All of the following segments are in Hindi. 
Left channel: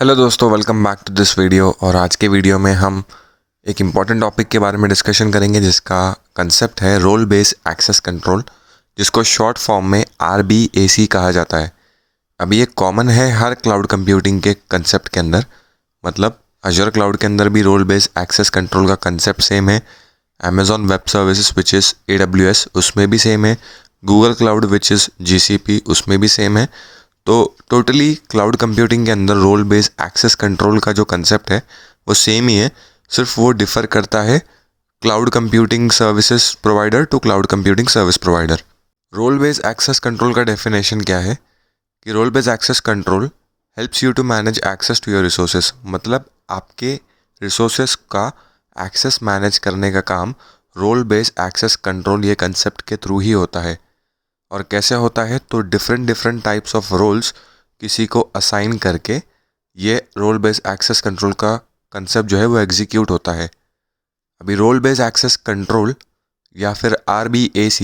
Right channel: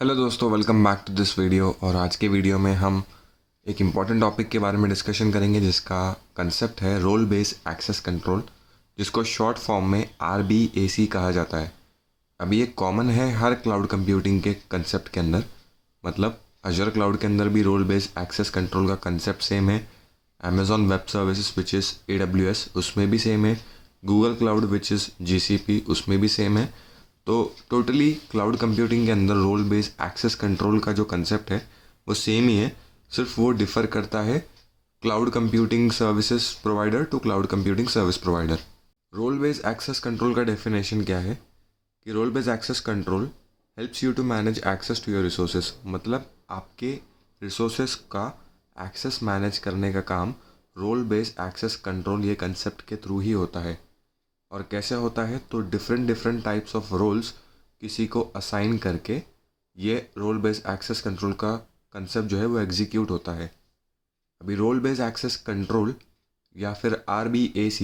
हेलो दोस्तों, welcome back to this video. और आज के वीडियो में हम एक इम्पॉर्टेंट टॉपिक के बारे में डिस्कशन करेंगे जिसका कंसेप्ट है रोल बेस्ड एक्सेस कंट्रोल, जिसको शॉर्ट फॉर्म में RBAC कहा जाता है। अभी ये कॉमन है हर क्लाउड कंप्यूटिंग के कंसेप्ट के अंदर। मतलब अजूर क्लाउड के अंदर भी रोल बेस्ड एक्सेस कंट्रोल का कंसेप्ट सेम है। Amazon web services which is AWS उसमें भी सेम है। Google cloud which is GCP उसमें भी सेम है। तो टोटली क्लाउड कंप्यूटिंग के अंदर रोल बेस्ड एक्सेस कंट्रोल का जो कंसेप्ट है वो सेम ही है, सिर्फ वो डिफ़र करता है cloud computing services provider to cloud computing service provider. Role based access control का डेफिनेशन क्या है कि role based access control helps you to manage access to your resources. मतलब आपके रिसोर्सेज का एक्सेस मैनेज करने का काम रोल बेस्ड एक्सेस कंट्रोल ये कंसेप्ट के थ्रू ही होता है। और कैसे होता है तो different different types of roles किसी को असाइन करके ये रोल बेस्ड एक्सेस कंट्रोल का कंसेप्ट जो है वो एग्जीक्यूट होता है। अभी रोल बेस्ड एक्सेस कंट्रोल या फिर RBAC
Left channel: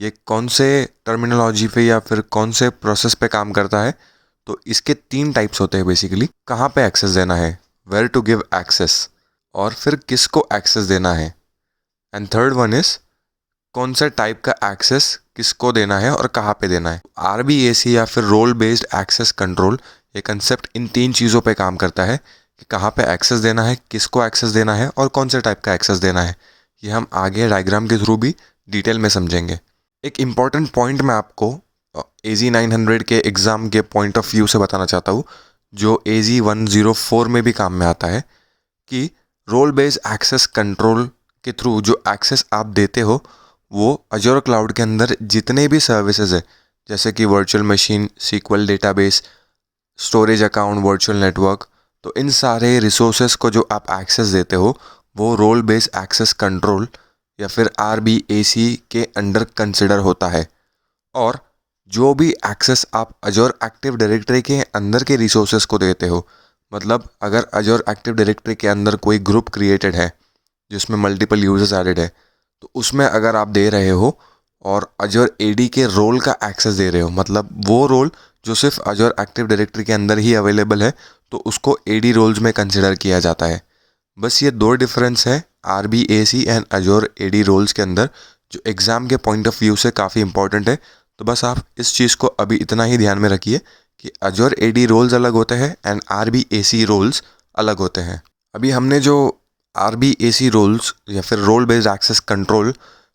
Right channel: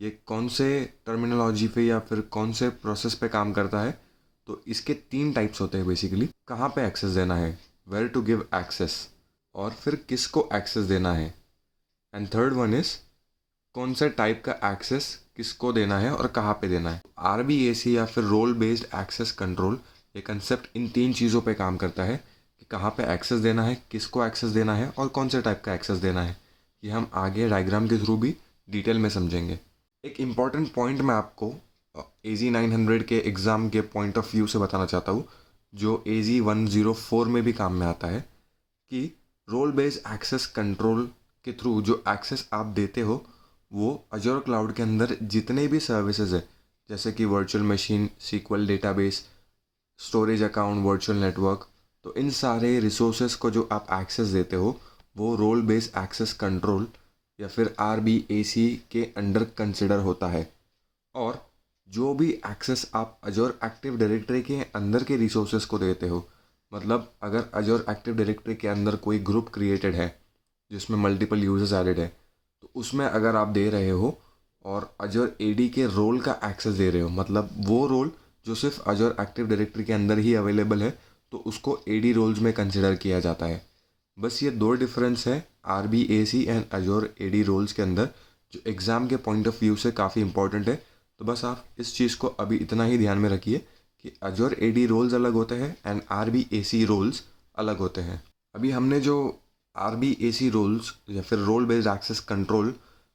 ये कौन से टर्मिनोलॉजी पे या फिर कौन से प्रोसेस पे काम करता है, तो इसके 3 टाइप्स होते हैं बेसिकली। कहाँ पे एक्सेस देना है, वेयर टू गिव एक्सेस, और फिर किसको एक्सेस देना है, एंड थर्ड वन इज़ कौन से टाइप का एक्सेस किसको देना है और कहाँ पे देना है। RBAC या फिर रोल बेस्ड एक्सेस कंट्रोल ये कंसेप्ट इन 3 चीज़ों पे काम करता है कि कहाँ पे एक्सेस देना है, किसको एक्सेस देना है और कौन से टाइप का एक्सेस देना है। ये हम आगे डायग्राम के थ्रू भी डिटेल में समझेंगे। एक इम्पॉर्टेंट पॉइंट मैं आपको AZ900 के एग्ज़ाम के पॉइंट ऑफ व्यू से बताना चाहता हूँ, जो AZ104 में भी काम में आता है, कि रोल बेस्ड एक्सेस कंट्रोल के थ्रू जो एक्सेस आप देते हो वो अजूर क्लाउड के अंदर जितने भी सर्विसेज है, जैसे कि virtual machine, SQL database, storage account, virtual network, तो इन सारे रिसोर्सेज को जो आप एक्सेस देते हो वो रोल बेस्ड एक्सेस कंट्रोल या फिर RBAC के अंडर कंसिडर होता है। और जो भी एक्सेस आप अजूर एक्टिव डायरेक्टरी के अंदर के रिसोर्सेज को देते हो, मतलब अगर अजूर एक्टिव डायरेक्टरी के अंदर कोई ग्रुप क्रिएटेड है जिसमें मल्टीपल यूजर्स एडेड है, तो उसमें अगर आप दे रहे हो और अजूर AD के रोल का एक्सेस दे रहे हो, मतलब वो रोल जो सिर्फ अजूर एक्टिव डायरेक्टरी के अंदर ही अवेलेबल है, तो उसको AD रोल्स में कंसिडर किया जाता है। बस ये 2 डिफरेंस है RBAC and Azure AD roles के अंदर, जो एग्ज़ाम के पॉइंट ऑफ व्यू से काफ़ी इंपॉर्टेंट है। तो बस आप इस चीज़ को अभी इतना ही ध्यान में रखिए कि अजूर AD रोल्स अलग होते हैं एंड RBAC रोल्स अलग होते हैं। अभी हमने जो RBAC रोल्स या फिर रोल बेस्ड एक्सेस कंट्रोल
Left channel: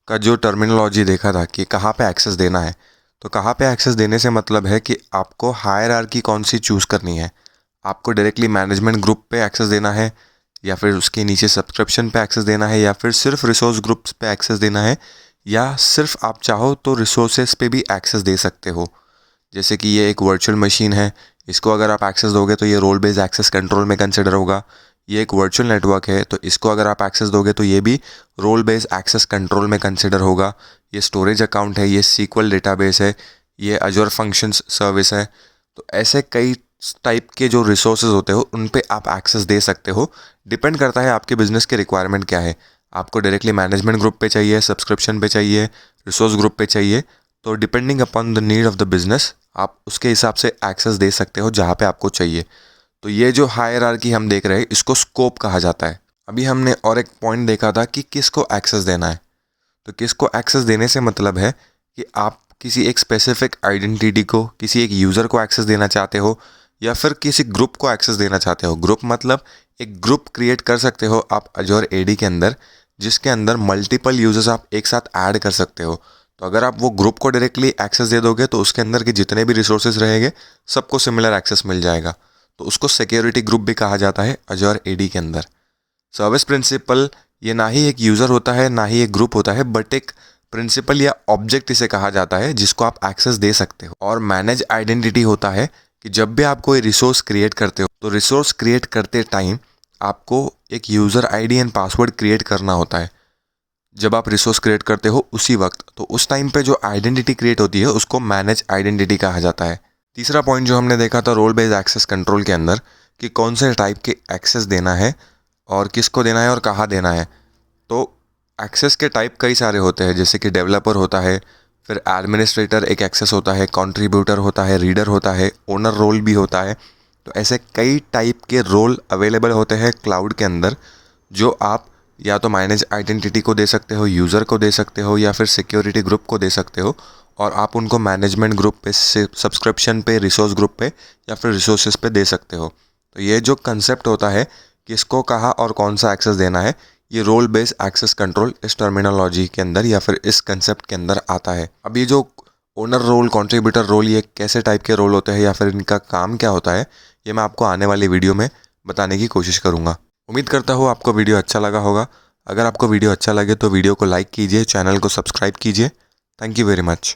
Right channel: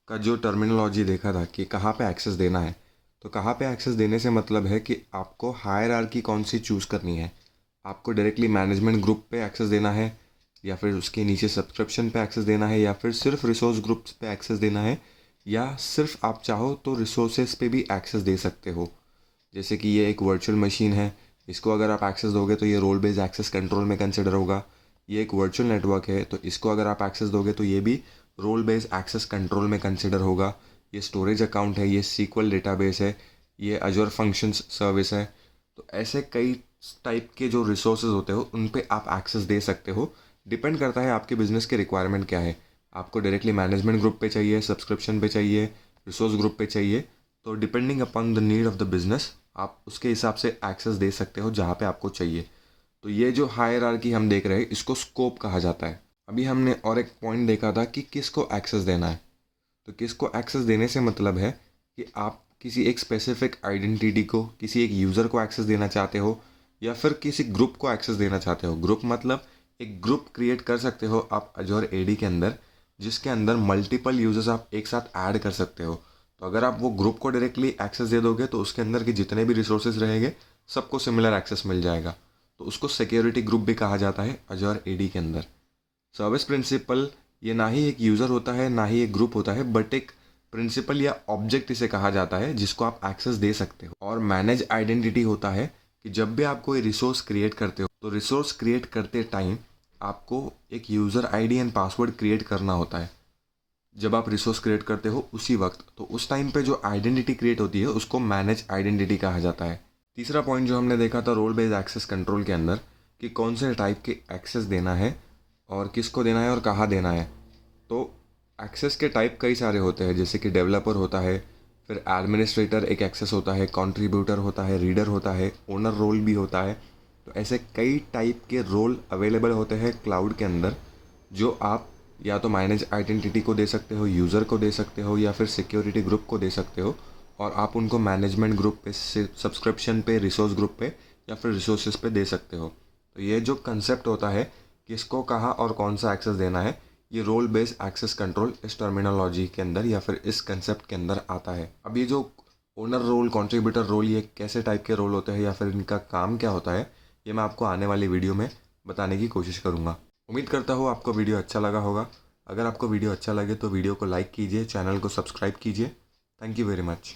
का जो टर्मिनोलॉजी देखा था कि कहाँ पे एक्सेस देना है, तो कहाँ पे एक्सेस देने से मतलब है कि आपको हायरार्की कौन सी चूज़ करनी है। आपको डायरेक्टली मैनेजमेंट ग्रुप पे एक्सेस देना है, या फिर उसके नीचे सब्सक्रिप्शन पे एक्सेस देना है, या फिर सिर्फ रिसोर्स ग्रुप्स पे एक्सेस देना है, या सिर्फ आप चाहो तो रिसोर्सेज पे भी एक्सेस दे सकते हो। जैसे कि ये एक वर्चुअल मशीन है, इसको अगर आप एक्सेस दोगे तो ये रोल बेस्ड एक्सेस कंट्रोल में कंसिडर होगा। ये एक वर्चुअल नेटवर्क है, तो इसको अगर आप एक्सेस दोगे तो ये भी रोल बेस्ड एक्सेस कंट्रोल में कंसिडर होगा। ये स्टोरेज अकाउंट है, ये SQL डेटाबेस है, ये अजूर फंक्शंस सर्विस है। तो ऐसे कई टाइप के जो रिसोर्सेज होते हो उन पे आप एक्सेस दे सकते हो। डिपेंड करता है आपके बिजनेस के रिक्वायरमेंट क्या है। आपको डायरेक्टली मैनेजमेंट ग्रुप पे चाहिए, सब्सक्रिप्शन पे चाहिए, रिसोर्स ग्रुप पे चाहिए, तो depending upon the need of the business आप उसके हिसाब से एक्सेस दे सकते हो जहाँ पे आपको चाहिए। तो ये जो हायरार्की हम देख रहे हैं इसको स्कोप कहा जाता है। अभी हमने और एक पॉइंट देखा था कि किसको एक्सेस देना है। तो किसको एक्सेस देने से मतलब है कि आप किसी एक स्पेसिफिक आइडेंटिटी को, किसी एक यूज़र को एक्सेस देना चाहते हो, या फिर किसी ग्रुप को एक्सेस देना चाहते हो। ग्रुप मतलब एक ग्रुप क्रिएट कर सकते हो आप अजूर AD के अंदर, जिसके अंदर मल्टीपल यूजर्स आप एक साथ ऐड कर सकते हो। तो अगर आप वो ग्रुप को डायरेक्टली एक्सेस दे दोगे तो उसके अंदर के जितने भी रिसोर्सेज रहेंगे सबको सिमिलर एक्सेस मिल जाएगा। तो उसको सिक्योरिटी ग्रुप भी कहा जाता है अजूर AD के अंदर। सर्विस प्रिंसिपल ये ना ही एक यूज़र होता है ना ही एक ग्रुप होता है, बट एक प्रिंसिपल या ऑब्जेक्ट इसे कहा जाता है जिसको आप एक्सेस दे सकते हो। और मैनेज आइडेंटिटी होता है कि जब भी आप कोई रिसोर्स क्रिएट करते हो तो रिसोर्स क्रिएट करते टाइम आपको एक user ID and password create करना होता है। जब आप रिसोर्स क्रिएट करते हो उसी वक्त, तो उस टाइम पे जो आइडेंटिटी क्रिएट होती है उसको मैनेज आइडेंटिटी कहा जाता है। तीसरा पॉइंट जो हमने देखा था रोल बेस्ड एक्सेस कंट्रोल के अंदर, कि कौन से टाइप के एक्सेस देना है और किसको देना है और कहाँ देना है। तो एक्सेस के टाइप कई सारे होते हैं, जैसे कि डेवलपर होता है, फिर एडमिनिस्ट्रेटर एक एक्सेस होता है, कंट्रीब्यूटर होता है, रीडर होता है, ओनर रोल भी होता है, तो ऐसे कई टाइप के रोल अवेलेबल होते हैं क्लाउड के अंदर, जो आप या तो मैनेज आइडेंटिटी को दे सकते हो, यूज़र को दे सकते हो, या फिर सिक्योरिटी ग्रुप को दे सकते हो। और आप उनको मैनेजमेंट ग्रुप पे, सब्सक्रिप्शन पे, रिसोर्स ग्रुप पे या फिर रिसोर्सेज पे दे सकते हो। तो ये जो कंसेप्ट होता है, किसको कहाँ और कौन सा एक्सेस देना है, ये रोल बेस्ड एक्सेस कंट्रोल इस टर्मिनोलॉजी के अंदर या फिर इस कंसेप्ट के अंदर आता है। अब ये जो ओनर रोल, कंट्रीब्यूटर रोल, ये कैसे टाइप के रोल होते हैं या फिर इनका काम क्या होता है, ये मैं आपको आने वाली वीडियो में बताने की कोशिश करूँगा। उम्मीद करता हूँ आपको वीडियो अच्छा लगा होगा। अगर आपको वीडियो अच्छा लगे तो वीडियो को लाइक कीजिए, चैनल को सब्सक्राइब कीजिए। Thank you very much.